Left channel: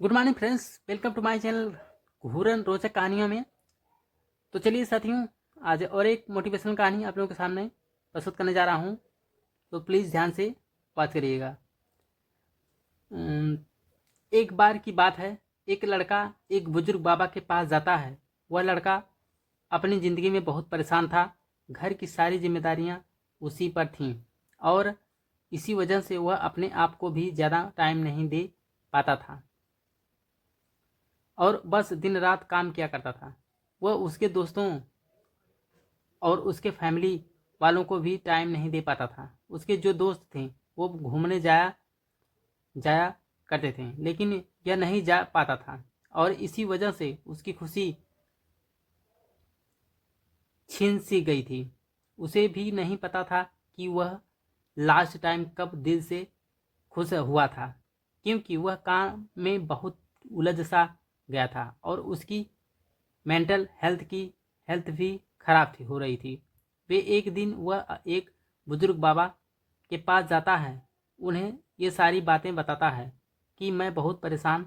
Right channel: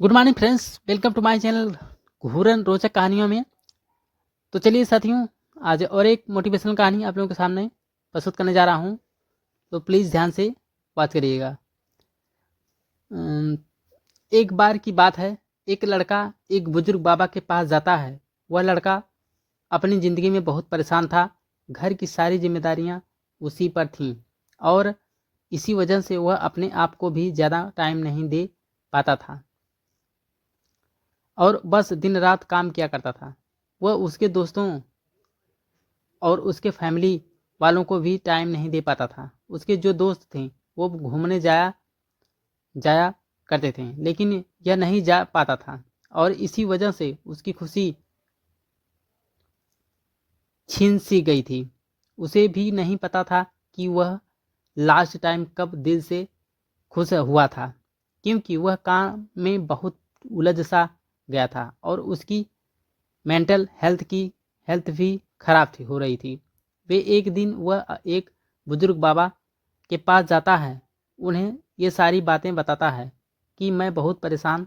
Good morning friends, welcome to my channel घूरन रोचक कहानियों में। तो चलिए साथियों, आज और एक मोटिवेशनल कहानी आप लोगों के सामने प्रस्तुत करने जा रहा हूँ। तो प्लीज़ ध्यान से बात करिएगा। एक बार की बात है, एक लड़का एक बुजुर्ग बाबा के पास जाता है। वह लड़का अपनी ज़िंदगी में बहुत परेशान था। घर की सारी जिम्मेदारियाँ उसी पर थीं और इसी वजह से वह अपने आप को भी ज़्यादा टाइम नहीं दे पाता था और बस दिन रात काम किया करता था। वह उसके दोस्तों और उसके फैमिली वालों को भी टाइम नहीं दे पाता था। उसके जो दोस्त थे वो घूमने जाया जाया करते थे, लेकिन यह नहीं जा पाता था और इसी वजह से उसकी खुशी छीन सी गई थी। उसे भी नहीं पता था कि वह लास्ट टाइम कब दिल से खुश हुआ था, क्योंकि वह काम में बहुत उलझ सा गया था और उसकी मेंटल हेल्थ भी खराब थी हो रही थी। वे एक दिन वह एक बुजुर्ग बाबा के पास जाता है। उन्हें ये सारी बातें बताता है कि मैं बहुत परेशान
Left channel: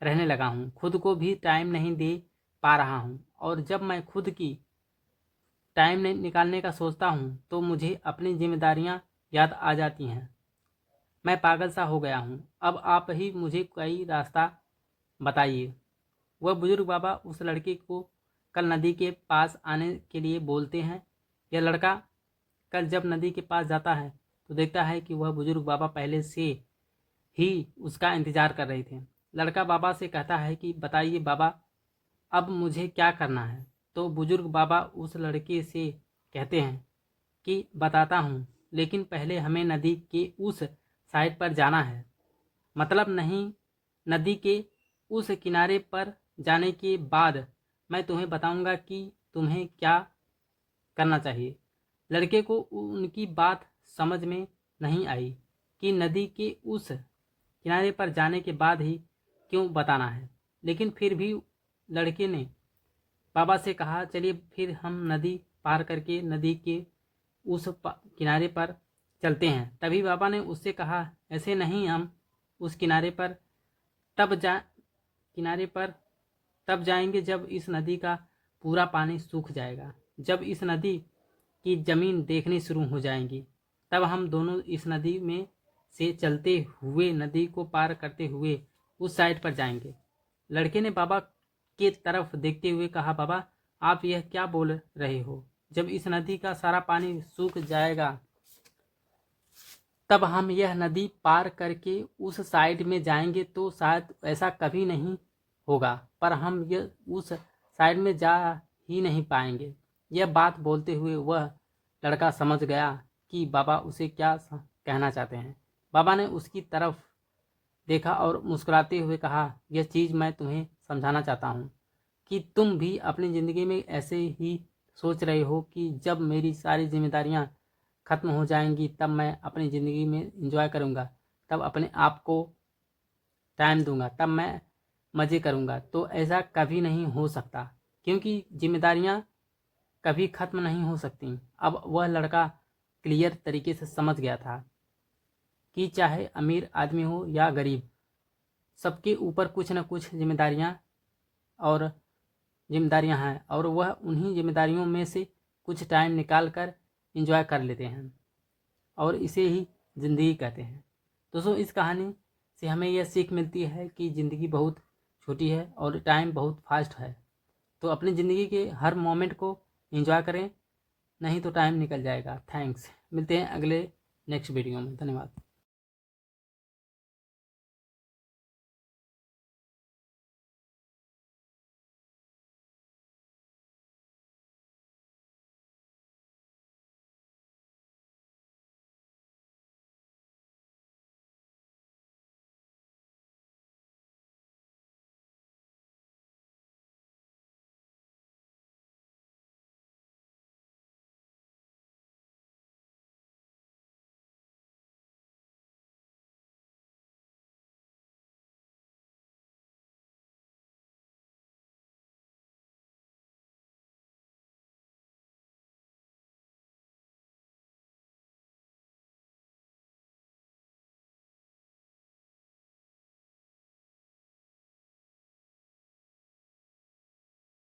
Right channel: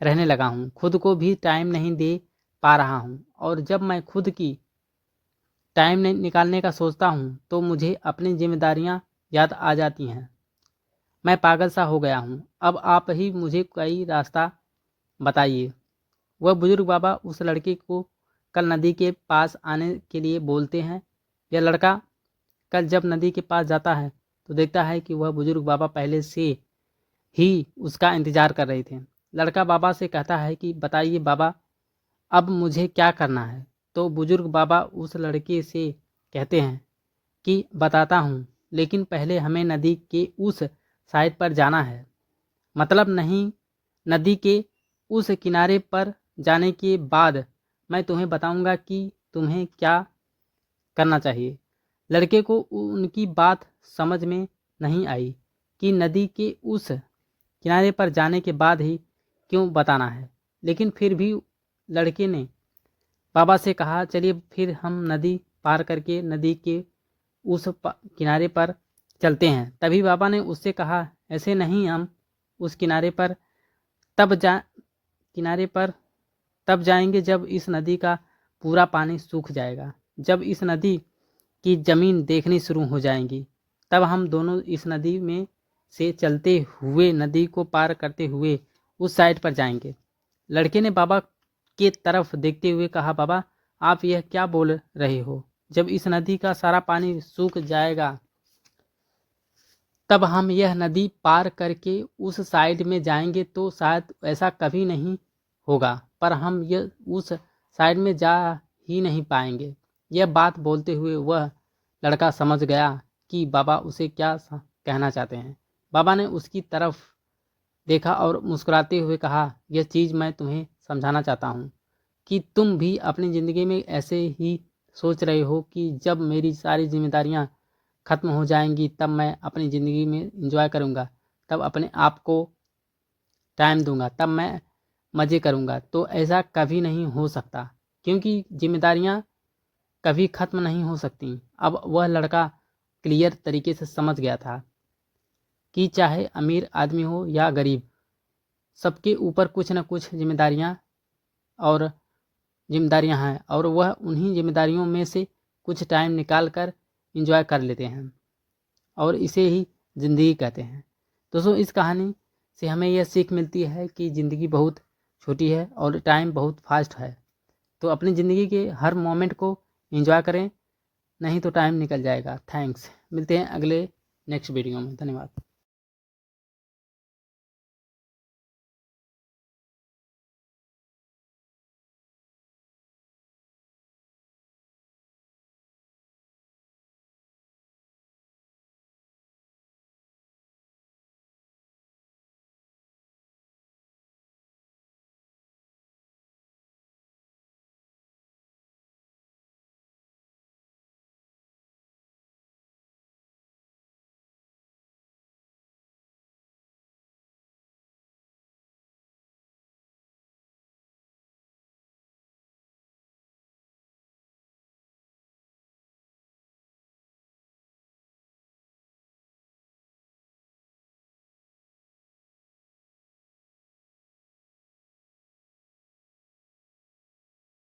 रहने लगा हूँ, खुद को भी टाइम नहीं दे पा रहा हूँ और जब मैं खुद की टाइम निकालने का सोचता हूँ तो मुझे अपनी जिम्मेदारियाँ याद आ जाती हैं। मैं पागल सा हो गया हूँ, अब आप ही मुझे कोई रास्ता बताइए। वह बुजुर्ग बाबा उस लड़के को कल नदी के पास आने के लिए बोलते हैं। यह लड़का कल जब नदी के पास जाता है तो देखता है कि वह बुजुर्ग बाबा पहले से ही उसका इंतजार कर रहे थे। लड़का बाबा से कहता है कि बताइए बाबा, अब मुझे क्या करना है। तो बुजुर्ग बाबा उस लड़के से कहते हैं कि बताता हूँ, लेकिन पहले हमें नदी के उस साइड पर जाना है। मतलब नहीं, नदी के उस किनारे पर जाने के बाद मैं तुम्हें बताऊंगा कि तुम्हें क्या करना चाहिए। लड़के को उनकी बात समझ में नहीं आई कि नदी के उस किनारे पर जाने के बाद ही क्यों बताना है, लेकिन फिर भी लड़के ने बाबा से कहा चलिए फिर हम नदी पार करके नदी के उस किनारे पर चलते हैं। तभी बाबा ने उससे कहा ऐसे नहीं, हम उस तब जा किनारे पर तब जाएंगे जब इस नदी का पूरा पानी सूख जाएगा। जब इस नदी की ज़मीन देखनी शुरू हो जाएंगी तब हम दोनों इस नदी में से चलते हुए नदी को पार करते हुए उस साइड पर जाएंगे। लड़के ने बाबा के तरफ देखते हुए कहा बाबा, आप यह क्या बोल रहे हो? जब इस नदी का सारा पानी सूख जाएगा तब हम यह नदी पार करके उस साइड में जाएंगे तो शायद ऐसा कभी नहीं होगा, पर हम यह उस साइड में जा ही नहीं पाएंगे। यह बात बोलते हुए वह लड़का समझ गया कि बाबा उसे क्या कहना चाहते हैं। बाबा ने उसकी तरफ देखा और मुस्कुराते हुए कहा, यह चीज़ मैं तुम्हें समझाना चाहता हूँ कि तुम भी अपनी ज़िंदगी में ऐसे ही सोच रहे हो कि जब मेरी सारी जिम्मेदारियाँ ख़त्म हो जाएंगी तब मैं अपनी ज़िंदगी में एंजॉय करूँगा, तब अपने आप को टाइम दूंगा, तब मैं मज़े करूँगा। तो ऐसा कभी नहीं हो सकता, क्योंकि जिम्मेदारियाँ कभी ख़त्म नहीं हो सकती। अब वह लड़का क्लियर तरीके से समझ गया था कि चाहे अमीर आदमी हो या गरीब, सबके ऊपर कुछ न कुछ जिम्मेदारियां हैं और वह उन्हीं जिम्मेदारियों में से कुछ टाइम निकाल कर इंजॉय कर लेते हैं और इसे ही ज़िंदगी कहते हैं। दोस्तों, इस कहानी से हमें यह सीख मिलती है कि ज़िंदगी बहुत छोटी है और टाइम बहुत फास्ट है। तो अपनी ज़िंदगी के हर मोमेंट को एंजॉय करें, नहीं तो टाइम निकल जाएगा। थैंक्स। मिलते हैं अगले नेक्स्ट वीडियो में। धन्यवाद।